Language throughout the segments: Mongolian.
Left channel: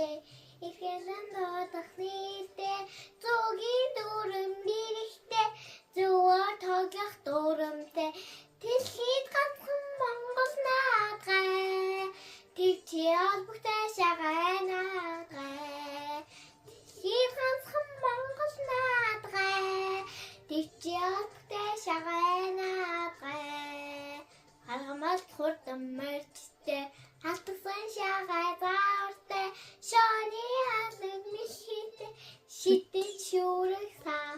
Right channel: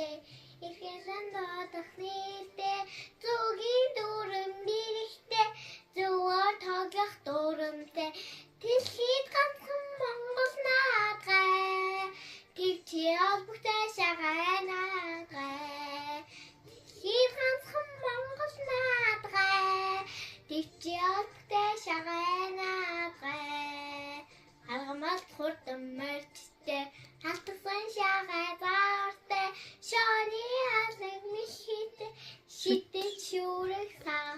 нэртэй ихэсэн додох нэртэй зүгийн дүрм нэртэй зөвөр тоглох дүрмтэй дэлхийд ганцхан Монгол наадгай тэгчи албагтай шагай наадгай дэлхийд ганцхан Монгол наадгай тэгчи албагтай шагай наадгай харгамал хурдан мөрчтэй алтсан шагай заортой шоны алаг миштэй шидэж шүүрэг саа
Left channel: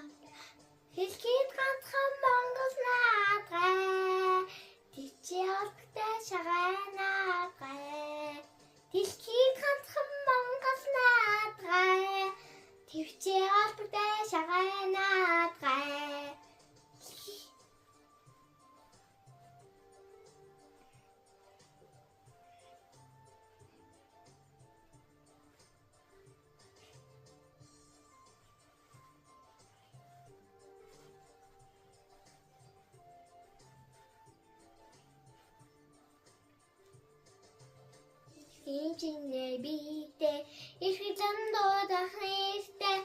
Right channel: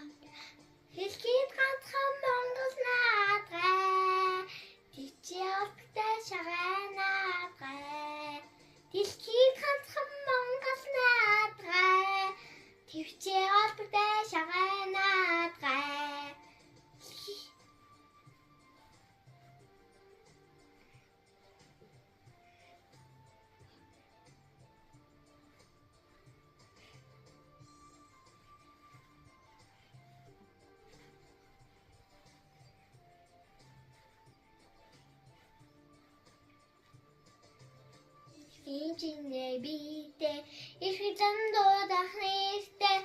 дэлхийд ганцхан Монгол наадгай тэгчи албагтай шагай наадгай дэлхийд ганцхан Монгол наадгай тэгчи албагтай шагай наадгай Инженер бийтэй их зэн дуудах нэртэй